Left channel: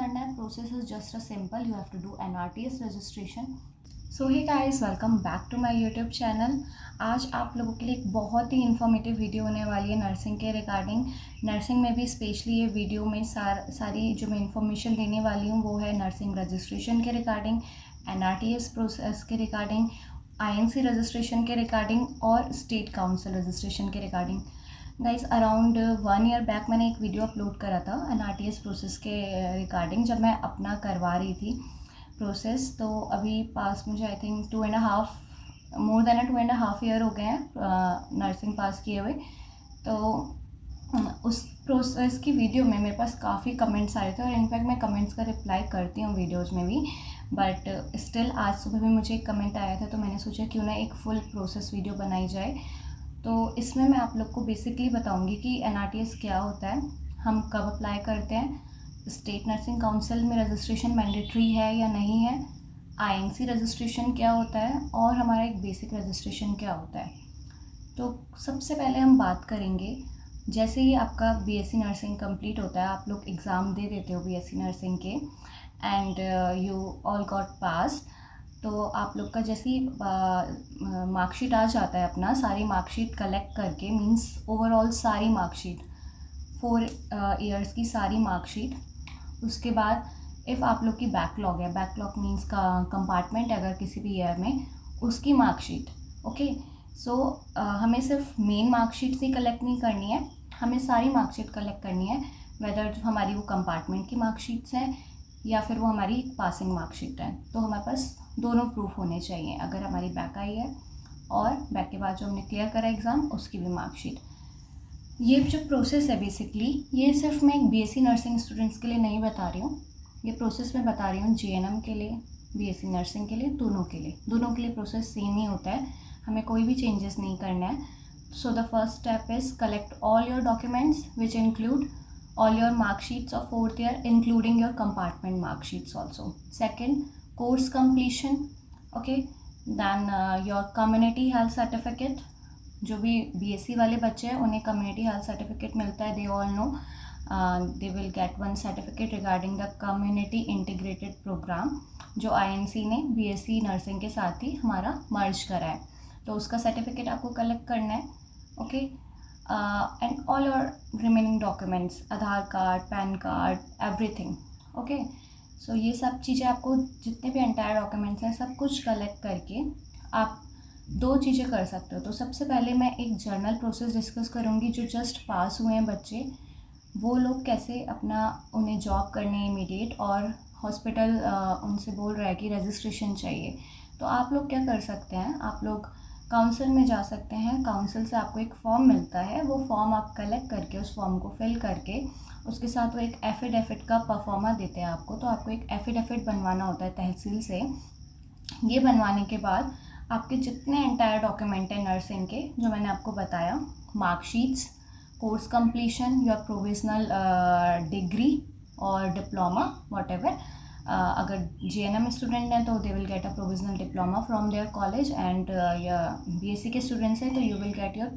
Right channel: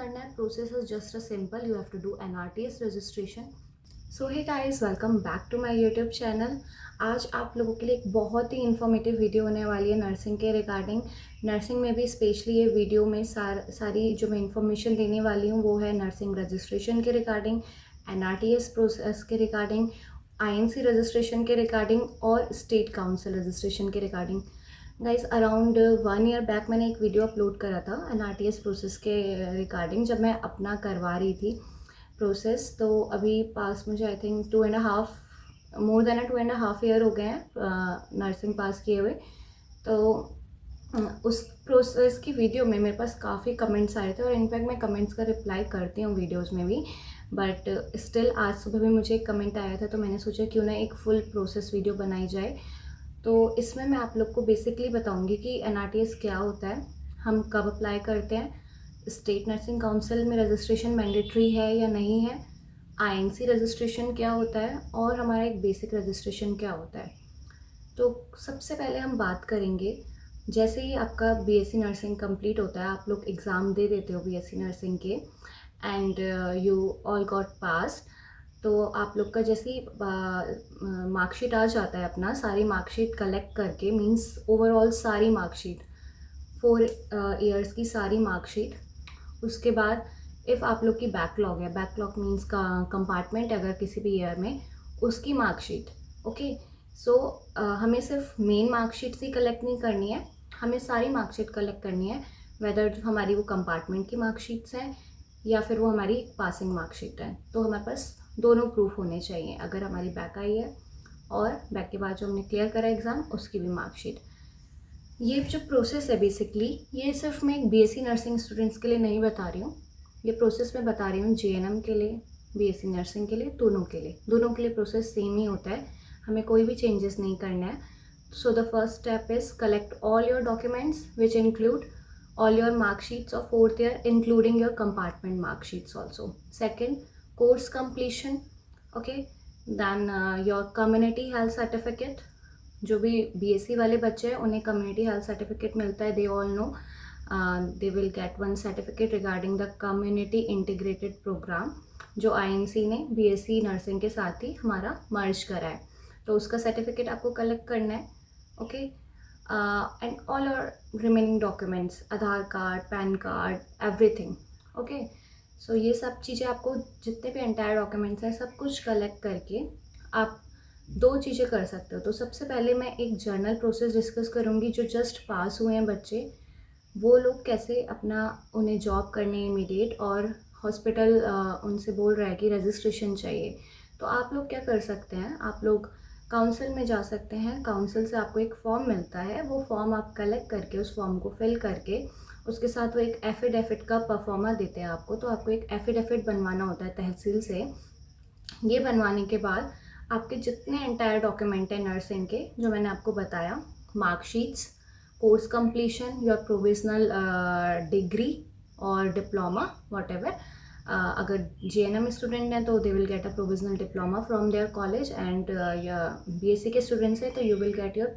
करना है. Process is just a simple. You have to do NRTS registration. So hey guys, welcome back to my YouTube channel. आज आप लोगों के लिए एक बहुत ही इन्फॉर्मेटिव वीडियो होने वाली है नर्सिंग के रिगार्डिंग. नर्सिंग में भी स्पेशली ये वीडियो में सारी जो मैं इन्फॉर्मेशन देने वाली हूँ वो है नर्सिंग रजिस्ट्रेशन के रिगार्डिंग, NRTS प्रोसेस के रिगार्डिंग, INC रजिस्ट्रेशन के रिगार्डिंग और स्टेट काउंसिल रजिस्ट्रेशन के regarding. Guys, around 1 year back मैंने एक वीडियो अपलोड करा था NRTS प्रोसेस के रिगार्डिंग, जब मैं अपना करवा रही थी प्रोसेस. तो अभी पास मुझे I think 2.5 more than 2.5 year हो गए हैं नर्सिंग पास किए हुए. तो उस प्रोसेस की वीडियो में मेरे पास काफ़ी कमेंट्स आए थे और इनफैक्ट मैं कमेंट्स का रिप्लाई करती हूँ वीडियोज़ में भी. बट स्टिल आज सुबह भी मुझे एक कमेंट आया था, तो मैंने सोचा क्यों ना एक फुल प्रोसेस वीडियो बनाई जाए. तो इसमें मैं आप लोग को बेसिकली बताऊंगी कि NRTS क्या होता है, हम कब अप्लाई करते हैं, स्टेट नर्सिंग काउंसिल में रजिस्ट्रेशन मैंडेटरी है या नहीं है, INC रजिस्ट्रेशन क्या होता है और हमारा एक बेसिक रजिस्ट्रेशन क्या होता है. तो सबसे पहले हम बात करेंगे, जैसे ही आपका BSc नर्सिंग कंप्लीट होता है, आप लोग एग्ज़ाम दे देते हो BSc नर्सिंग के एंड यू ऑल गॉट पास. तो आप लोग का जैसी मार्कशीट आ जाता है, अपना सारी मार्कशीट कलेक्ट करके, मींस ओवरऑल सारी मार्कशीट 4 ईयर्स की सारी मार्कशीट. उसके बाद इफ़ आप लोग की बैकलॉग है, बैकलॉग मींस का कंपार्टमेंट अगर किसी भी ईयर में, उसकी मार्कशीट. ओके, सो हमें सिर्फ मेन मार्कशीट ही कलेक्ट नहीं करनी है, हमें सारी मार्कशीट कलेक्ट करनी है, वेदर हमारी वो कंपार्टमेंट की मार्कशीट्स हैं या फिर वो हमारी पासिंग मार्कशीट है. तो हमारे पास दोनों प्रूफ होने चाहिए, अगर हमारी बैक आई है और बैक के बाद जो हमने क्लियर करा एग्ज़ाम उसकी भी मार्कशीट. ये जो प्रोसेस है बेसिकली, ये सिर्फ मैं एक BSc नर्सिंग स्टूडेंट्स के लिए नहीं बता रही हूँ, ये प्रोसेस मैं बता रही हूँ JNM के लिए, BSc नर्सिंग के लिए, दोनों के लिए प्रोसेस सेम ही होता है, हमें कोई भी चेंजेस नहीं करना है. So the first step is collect all your documents which include all your mark sheets of 4th year including your compartment mark sheets also. Second, course completion. Okay, then your community health certificate. जो भी BSc वाले बच्चे हैं उन्हें community health certificate मिलता है, they all know. They will get one certificate regarding the community integrated program जो INC ने BSc नर्सिंग के साथ ही हमारा मर्ज करा है, तो उसका सर्टिफिकेट आपको कलेक्ट करना है. Okay, and all your remaining documents, Aadhaar card, PAN card, everything. Okay, so ये सब चीज़ें आपको, जितने भी एंटायर डॉक्यूमेंट्स हैं, सब कुछ कलेक्ट करके आप 2 चीज़ें कर सकते हो. तो सबसे पहले मैं एक जर्नल प्रोसेस डिस्कस करूँगी. जो जस्ट पास हुए हैं बच्चे, वो लोग कैसे अपना, उन्हें जॉब करनी है इमीडिएट और हॉस्पिटल उनसे बोल रहा है कि रजिस्ट्रेशन चाहिए, तो आप लोग क्या कर सकते हैं, आप लोग काउंसिल में जा सकते हैं. काउंसिल से आपको एक फॉर्म मिलता है, वो फॉर्म आप कलेक्ट करके उस फॉर्म को फिल करके उसके साथ वो एक एफिडेविट का परफॉर्मा देते हैं आपको. तो आपको एक एफिडेविट बनवाना होता है तहसील से. ये बनवाने के बाद आपके जितने एंटायर डॉक्यूमेंट हैं नर्सिंग के, जो मैंने आपको बताया, marksheets, course completion, your provisional degree और डिप्लोमा, वॉट एवर. अगर JNM स्टूडेंट हैं तो they will get a provisional diploma from their college, and या BSc के स्टूडेंट्स हैं तो you will get your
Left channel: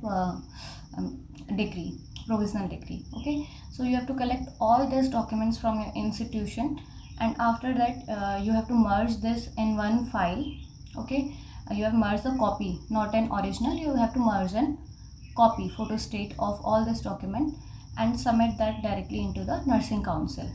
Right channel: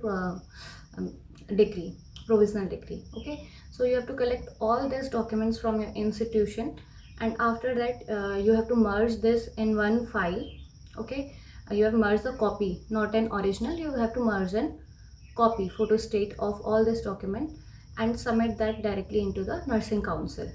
degree, provisional degree. Okay, so you have to collect all this documents from your institution and after that you have to merge this in one file. Okay, you have merged the copy, not an original, you have to merge an copy, photostat of all this document and submit that directly into the nursing council.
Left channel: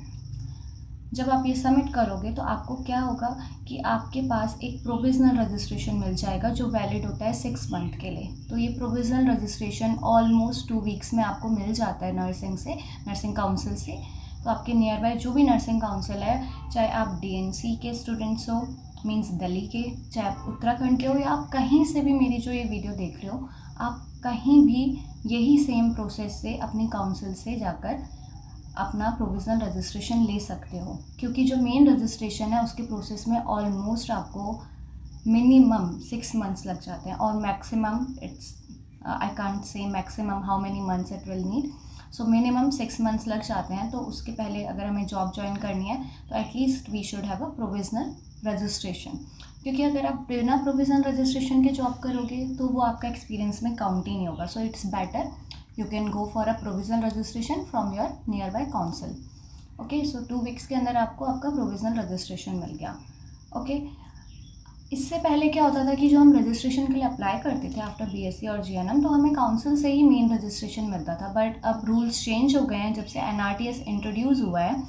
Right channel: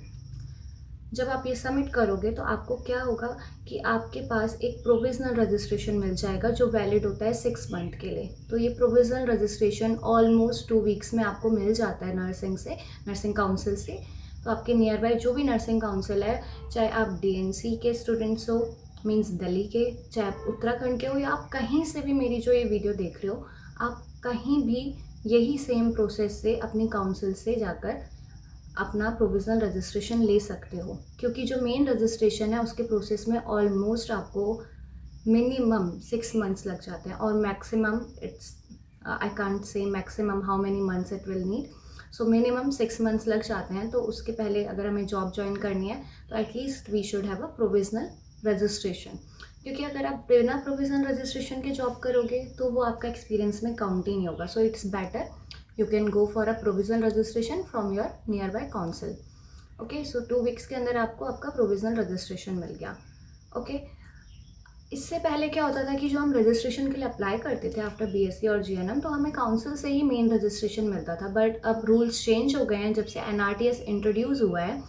जब आप ये submit करोगे तो आपको क्या होगा कि आपके पास एक प्रोविज़नल रजिस्ट्रेशन मिल जाएगा जो वैलिड होता है 6 मंथ के लिए. तो ये प्रोविज़नल रजिस्ट्रेशन ऑलमोस्ट 2 वीक्स में आपको मिल जाता है नर्सिंग काउंसिल से. तो आपके नियर बाय जो भी नर्सिंग काउंसिल है, चाहे आप DNC के स्टूडेंट्स हो, मींस दिल्ली के, चाहे आप उत्तराखंड के हो, या आप कहीं से भी मेरी जो ये वीडियो देख रहे हो, आप कहीं भी यही सेम प्रोसेस से अपनी काउंसिल से जाकर अपना प्रोविज़नल रजिस्ट्रेशन ले सकते हो. क्योंकि जो मेन रजिस्ट्रेशन है उसके प्रोसेस में ऑलमोस्ट आपको मिनिमम 6 मंथ्स लग जाते हैं, और maximum it's, I can't say maximum how many months it will need. So minimum 6 months लग जाते हैं. तो उसके पहले अगर हमें जॉब ज्वाइन करनी है तो at least we should have a provisional registration. क्योंकि अगर आप बिना प्रोविज़नल रजिस्ट्रेशन के जॉब करोगे तो वो आपका एक्सपीरियंस में काउंट ही नहीं होगा. So it's better you can go for a provisional registration from your nearby council. Okay, so 2 weeks के अंदर आपको आपका प्रोविज़नल रजिस्ट्रेशन मिल गया। ओके, इससे पहले क्या होता था कि जो हम रजिस्ट्रेशन के लिए अप्लाई करते थे आफ्टर बीएससी और जीएनएम, तो हमें काउंसिल से ही मेन रजिस्ट्रेशन मिलता था। बट अब रूल्स चेंज हो गए हैं जब से एनआरटीएस इंट्रोड्यूस हुआ है।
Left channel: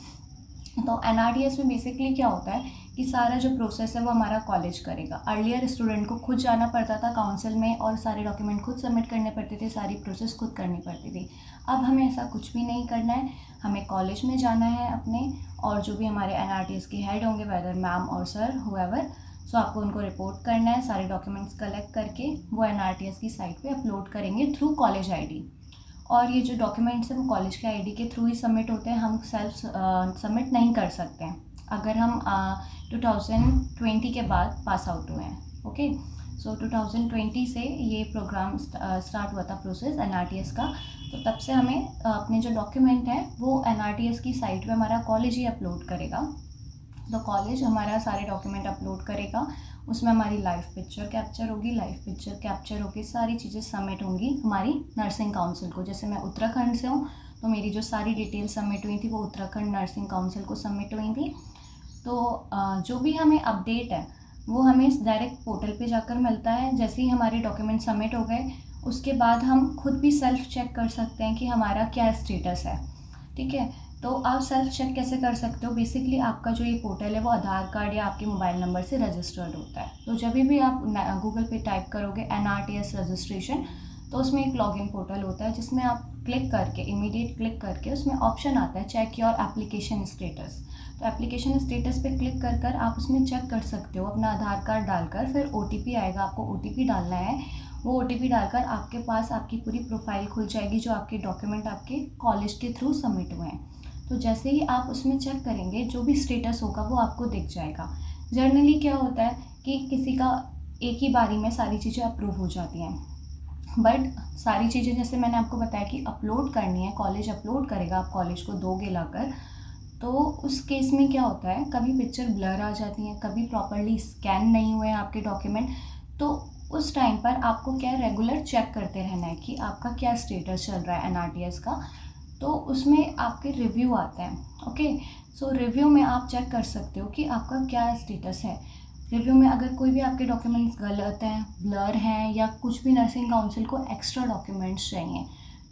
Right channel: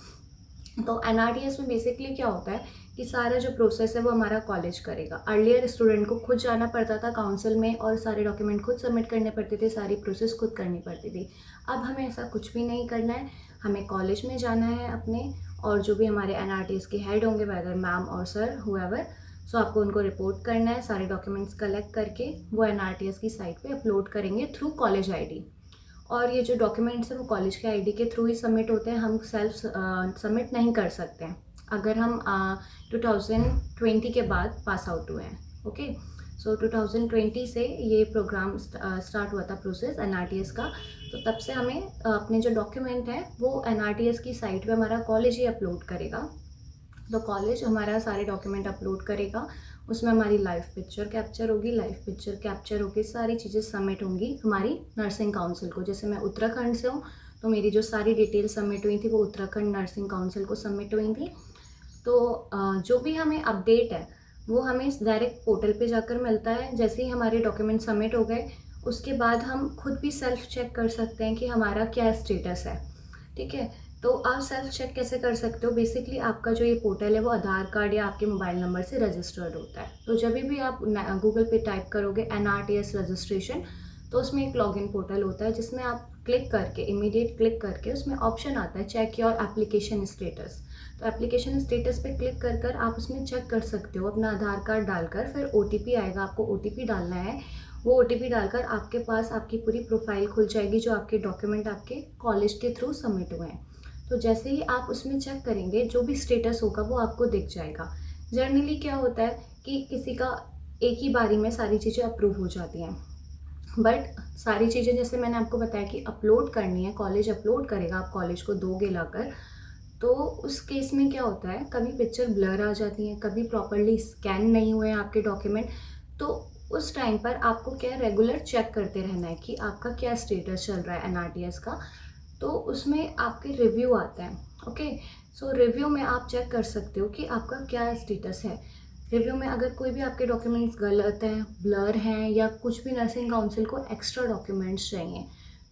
तो एनआरटीएस में बेसिकली क्या होता है कि सारा जो प्रोसेस है वो हमारा कॉलेज करेगा। अर्लियर स्टूडेंट को खुद जाना पड़ता था काउंसिल में और सारे डॉक्यूमेंट खुद सबमिट करने पड़ते थे, सारी प्रोसेस खुद करनी पड़ती थी। अब हमें ऐसा कुछ भी नहीं करना है, हमें कॉलेज में जाना है अपने, और जो भी हमारे एनआरटीएस के हेड होंगे, वेदर मैम और सर हुएवर, सो आपको उनको रिपोर्ट करना है। सारे डॉक्यूमेंट्स कलेक्ट करके वो एनआरटीएस की साइट पे अपलोड करेंगे थ्रू कॉलेज आईडी। और ये जो डॉक्यूमेंट्स हैं वो कॉलेज के आईडी के थ्रू ही सबमिट होते हैं, हम सेल्फ सबमिट नहीं कर सकते हैं अगर हम 2020 के बाद पास आउट हुए हैं। ओके, सो 2020 से ये प्रोग्राम स्टार्ट हुआ था प्रोसेस एनआरटीएस का। तो तब से हमें अपने जो डॉक्यूमेंट हैं वो एनआरटीएस की साइट पे हमारा कॉलेज ही अपलोड करेगा। तो कॉलेज हमारा सारे डॉक्यूमेंट अपलोड करेगा, उसमें हमारी लाइव पिक्चर कैप्चर होगी, लाइव पिक्चर कैप्चर होगी सारी चीज़ें सबमिट होंगी हमारी नर्सिंग काउंसिल को। जैसे मैं उत्तराखंड से हूँ तो मेरी जो सारी डिटेल सबमिट हुई थी वो उत्तराखंड नर्सिंग काउंसिल को सबमिट हुई थी। तो जो भी हमें अपडेट है वो हमें डायरेक्ट पोर्टल पे जाकर मिलता है। जैसे ही हमारे डॉक्यूमेंट सबमिट हो गए उसके बाद हम खुद भी सेल्फ चेक कर सकते हैं कि हमारा क्या स्टेटस है। ठीक है, तो आप सेल्फ चेक कैसे कर सकते हो? बेसिकली आपका जो ये पोर्टल है वो आधार कार्ड या आपके मोबाइल नंबर से रजिस्टर्ड होता है। तो जब भी आप गूगल पे टाइप करोगे एनआरटीएस रजिस्ट्रेशन, तो उसमें एक लॉगिन पोर्टल होता है जिसमें आप क्लिक करके, इमीडिएट क्लिक करके, उसमें ऑप्शन आता है चेक योर एप्लीकेशन स्टेटस। तो एप्लीकेशन स्टेटस पे क्लिक कर कर आप उसमें चेक कर सकते हो अपना आधार कार्ड डालकर। फिर ओटीपी आएगा, आपको ओटीपी डालना है। वो ओटीपी डालकर आपके पास आपकी पूरी प्रोफाइल खुल जाएगी, जो आपके डॉक्यूमेंट आपके कॉलेज के थ्रू सबमिट हुए हैं। तो जैसे ही आप उसमें चेक करेंगे जो भी स्टेटस होगा वो आपको दिख जाएगा। जनरली क्या होता है कि किसी का एक ही बारी में सारी चीज़ें अप्रूव हो जाती हैं, बट सारी चीज़ें जैसे मैंने आपको बताया कि अपलोड करनी है, कॉलेज अपलोड करेगा, आप कॉलेज को दोगे लाकर। तो उस केस में क्या होता है, कभी पिक्चर ब्लर आ जाती हैं, कभी प्रॉपरली स्कैन नहीं हुए हैं आपके डॉक्यूमेंट। तो उस टाइम पर आपको क्या रेगुलर चेक करते रहना है कि आपका क्या स्टेटस चल रहा है एनआरटीएस का। तो उसमें आपके रिव्यू आते हैं। ओके, सो रिव्यू में आप चेक कर सकते हो कि आपका क्या स्टेटस है। रिव्यू में अगर कोई भी आपके डॉक्यूमेंट्स गलत हैं, ब्लर हैं, या कुछ भी नर्सिंग काउंसिल को एक्स्ट्रा डॉक्यूमेंट्स चाहिए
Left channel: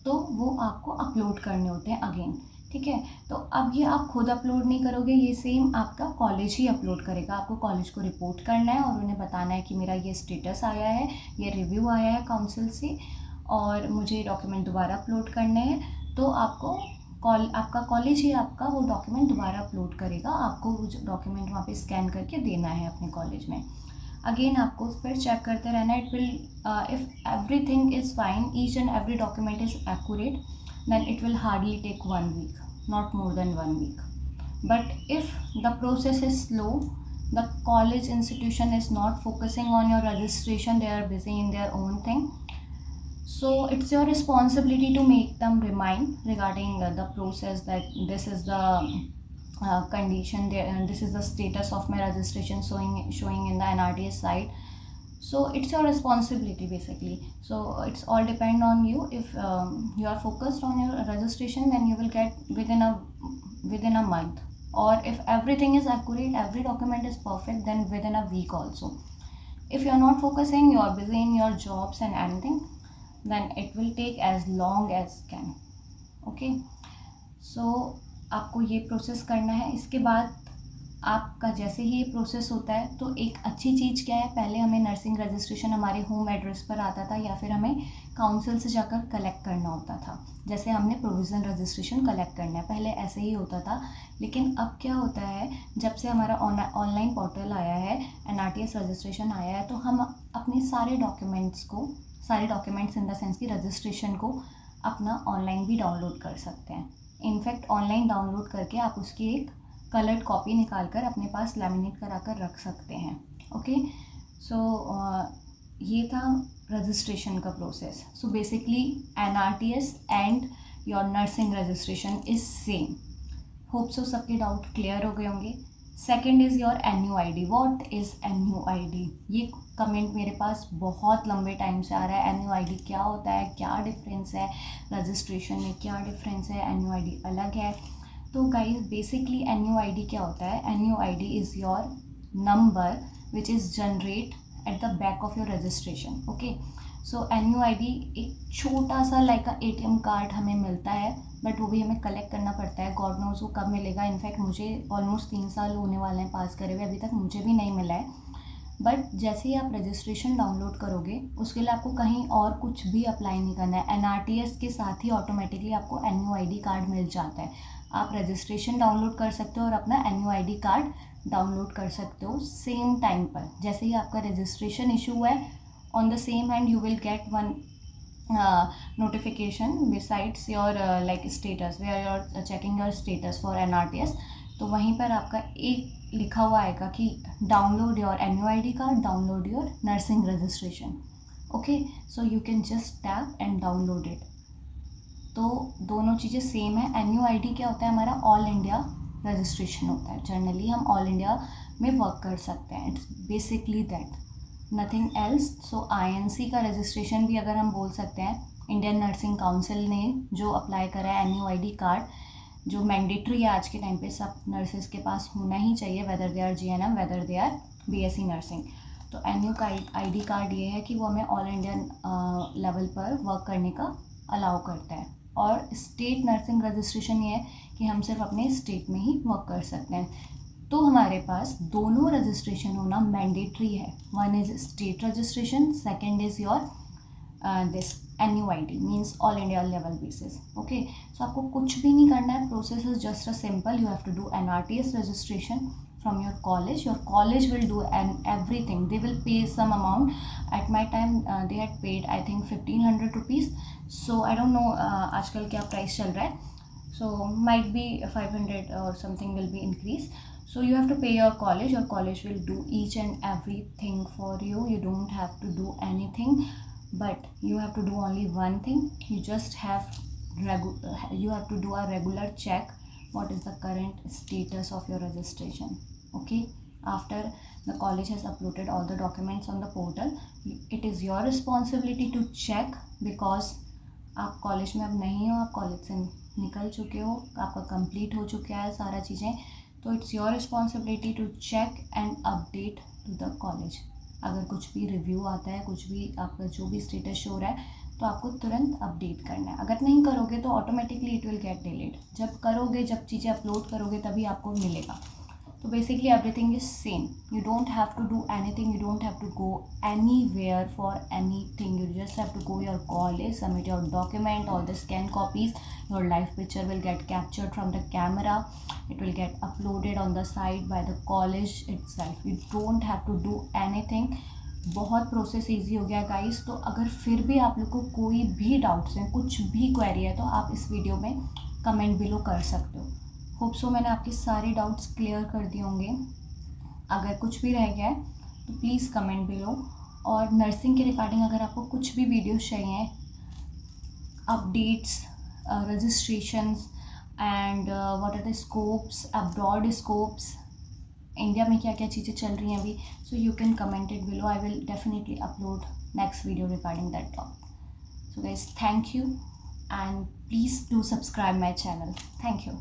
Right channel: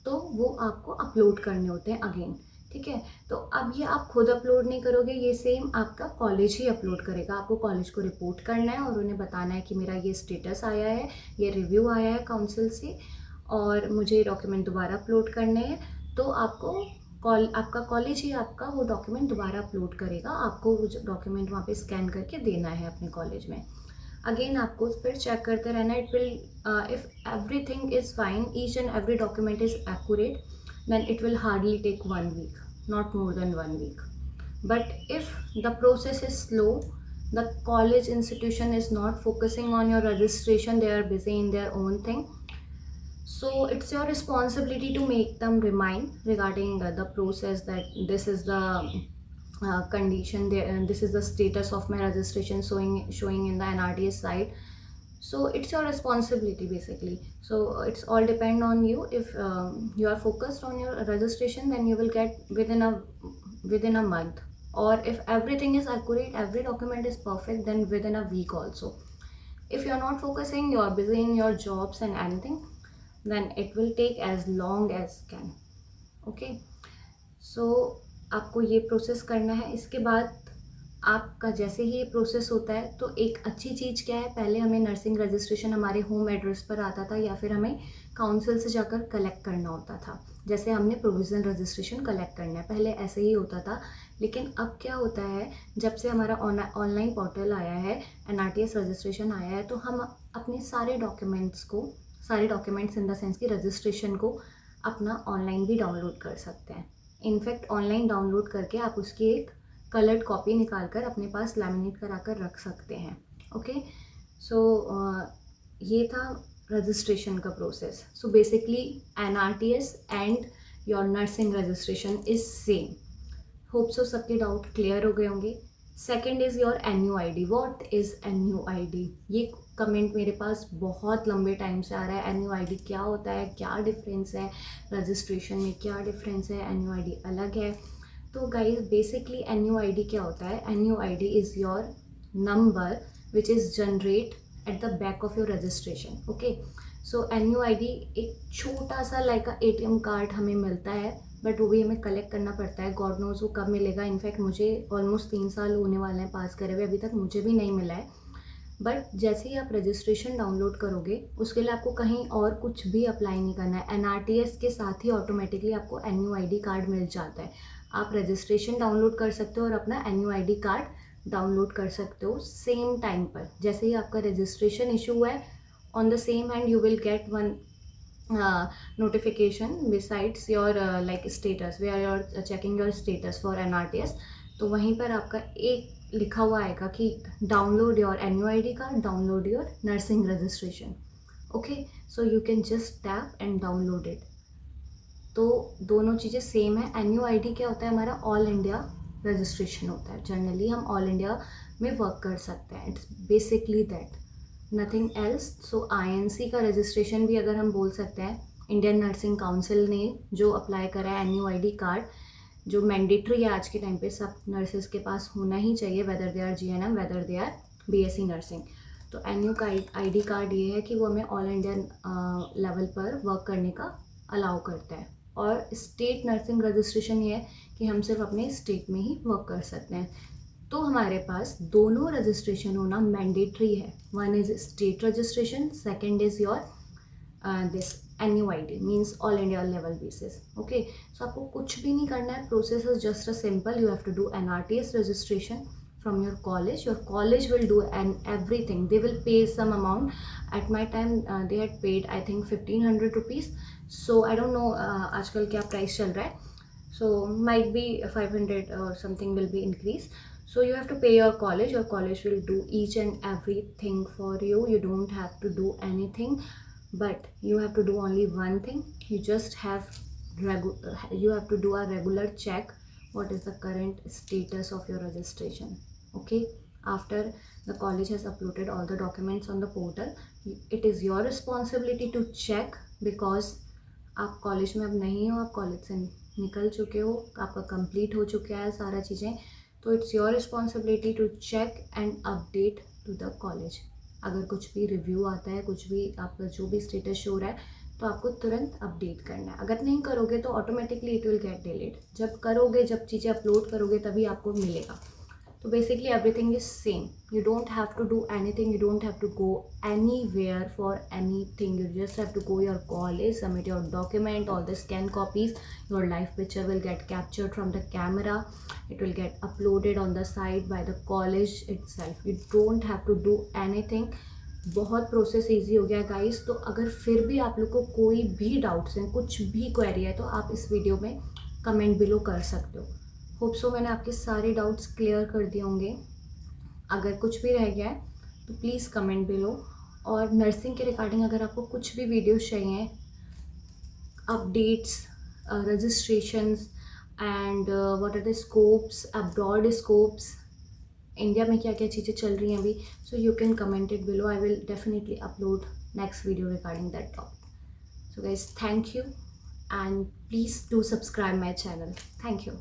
तो वो आपको अपलोड करने होते हैं अगेन। ठीक है, तो अब ये आप खुद अपलोड नहीं करोगे, ये सेम आपका कॉलेज ही अपलोड करेगा। आपको कॉलेज को रिपोर्ट करना है और उन्हें बताना है कि मेरा ये स्टेटस आया है, ये रिव्यू आया है काउंसिल से और मुझे डॉक्यूमेंट दोबारा अपलोड करने हैं। तो आपको आपका कॉलेज ही आपका वो डॉक्यूमेंट दोबारा अपलोड करेगा। आपको वो डॉक्यूमेंट वहाँ पे स्कैन करके देना है अपने कॉलेज में। अगेन आपको फिर चेक करते रहना। It will, if everything is fine, each and every document is accurate, then it will hardly take 1 week, not more than 1 week. But if the process is slow, the college institution is not focusing on your registration, they are busy in their own thing, so it's your responsibility to make them remind regarding the process, that this is the condition, this is the status of my registration showing in the NRTS site. So it's your responsibility basically. So it's all depend on you. If you are focused on your registration, then you will get within a month, or if everything is accurate, every document is perfect, then within a week also. If you are not focusing, you are busy in your jobs and anything, then it will take as long as can. Okay, so आपको ये process करना है। इसके बाद आपका जैसे ही ये process होता है तो एक अच्छी चीज़ क्या है, पहले हमें नर्सिंग रजिस्ट्रेशन हमारे होम एड्रेस पर आता था, या फिर हमें काउंसिल से जाकर कलेक्ट करना होता था। जैसे हमने प्रोविज़नल रजिस्ट्रेशन कलेक्ट करना है, पहले ऐसे ही होता था। लेकिन अब क्या होता है, जब से हमारा ऑनलाइन पोर्टल आया है, एनआरटीएस रजिस्ट्रेशन आया है, तो हम अपने सारे डॉक्यूमेंट्स इन द सेंस की रजिस्ट्रेशन को अपना ऑनलाइन भी डाउनलोड कर सकते हैं। इनफैक्ट ऑनलाइन डाउनलोड करके आप उसकी एक कलर्ड कॉपी निकाल कर अपने पास लैमिनेट करा कर रख सकते हैं। ओके, सो ये था रजिस्ट्रेशन का process. So basically NRTS and your nursing registration is same. Hope so सबके डाउट क्लियर हो गए होंगे। Second is your NUID। What is NUID? ये कमेंट मेरे पास बहुत लंबे टाइम से आ रहा है। NUID क्या होता है, क्या डिफरेंस है, रजिस्ट्रेशन में क्या डिफरेंस है, NUID अलग है। तो गाइस बेसिकली NUID क्या होता है? NUID is your number which is generate at the back of your registration. Okay, so NUID एक छोटा सा लाइक ATM कार्ड हमें मिलता है, बट वो भी हमें कलेक्ट करना पड़ता है. गॉड नोज़ वो कब मिलेगा. इनफैक्ट मुझे ऑलमोस्ट 3 साल होने वाले हैं पास करे हुए, अभी तक मुझे भी नहीं मिला है. बट जैसे ही आप रजिस्ट्रेशन डाउनलोड करोगे उसके लिए आपको कहीं और कुछ भी अप्लाई नहीं करना है. NRTS के साथ ही ऑटोमेटिकली आपको NUID कार्ड मिल जाता है. आप रजिस्ट्रेशन डाउनलोड कर सकते हो और अपना NUID कार्ड डाउनलोड कर सकते हो सेम टाइम पर. जैसे ही आपका रजिस्ट्रेशन इशू हुआ है, on the same hand you will get one notification besides your like status where you're checking your status for NRTS. तो वहीं पर आपका एक लिखा हुआ आएगा कि download your NUID card, download your nursing registration. Okay, so you can just tap and download it. तो दोनों चीज़ें सेम है. NUID क्या होता है? हमारा ऑल इंडिया रजिस्ट्रेशन होता है. जनरली हम ऑल इंडिया में वर्क कर सकते हैं. It's basically that, nothing else. So INC का रजिस्ट्रेशन भी अगर हम बोल सकते हैं, इंडियन नर्सिंग काउंसिल ने जो अप्लाई करा है NUID कार्ड, जो मैंडेटरी है आज के टाइम पे सब नर्सेज के पास होना ही चाहिए, whether they are GNM, whether they are BSc nursing. तो NUID कार्ड ये है कि वो हमें ऑल इंडियन लेवल पर वर्क करने का अलाउ करता है. और स्टेट नर्सिंग रजिस्ट्रेशन ये है कि हम सिर्फ अपने स्टेट में ही वर्क कर सकते हैं. तो हमारे पास दोनों रजिस्ट्रेशन होना मैंडेटरी है. One is state registration, second is your this NUID means all India level basis. Okay, so आपको कुछ भी नहीं करना है. Process is just a simple. You have to do NRTS registration from your college. Your college will do and everything. They will pay some amount. At my time they had paid I think 1500 rupees. So I don't know आजकल क्या price चल रहा है. So might be 500 or something will be increased. So you have to pay your college. Your college will do each and everything for you. You don't have to do anything, but you have to do only one thing. You just have you have to do a regular check. What is the current status of your registration? Okay, after the college has uploaded all the documents on the portal, it is your responsibility to check, because आप college में अब नहीं हो, आप college से निकल चुके हो, आपका कंप्लीट हो चुका है सारा चीज़ें. तो it's your responsibility to check and update to the college. अगर कुछ भी रिव्यू आता है, कुछ भी आपका जो भी स्टेटस शो रहा है, तो आपको तुरंत अपडेट करना है. अगर नहीं करोगे तो automatically it will get delete. जब करोगे, जब चीज़ें अपलोड करोगे, तभी आपको मिलेगा. तो basically everything is same. You don't have to do anything. You don't have to go anywhere for anything. You just have to go your college, submit your document, all the scan copies. Your live picture will get captured from the camera. It will get uploaded on the site by the college itself. You don't have to do anything. बहुत process easy हो गया guys. तो अगर फिर भी आप लोग को कोई भी डाउट्स हैं, कुछ भी क्वेरी है, तो आप इस वीडियो में कमेंट बिलो कर सकते हो. होप सो मैंने आपके सारे डाउट्स क्लियर कर दिए होंगे. अगर कुछ भी रह गया है तो प्लीज़ कमेंट बिलो. और नर्सिंग के रिगार्डिंग अगर आपको कुछ भी वीडियोस चाहिए, updates, registrations and what are the scopes, abroad scopes, India में क्या क्या चीज़ें चल रही हैं अभी, so you can comment it below. I will definitely upload next video regarding that topic. So guys, thank you and please do subscribe my channel. Thank you.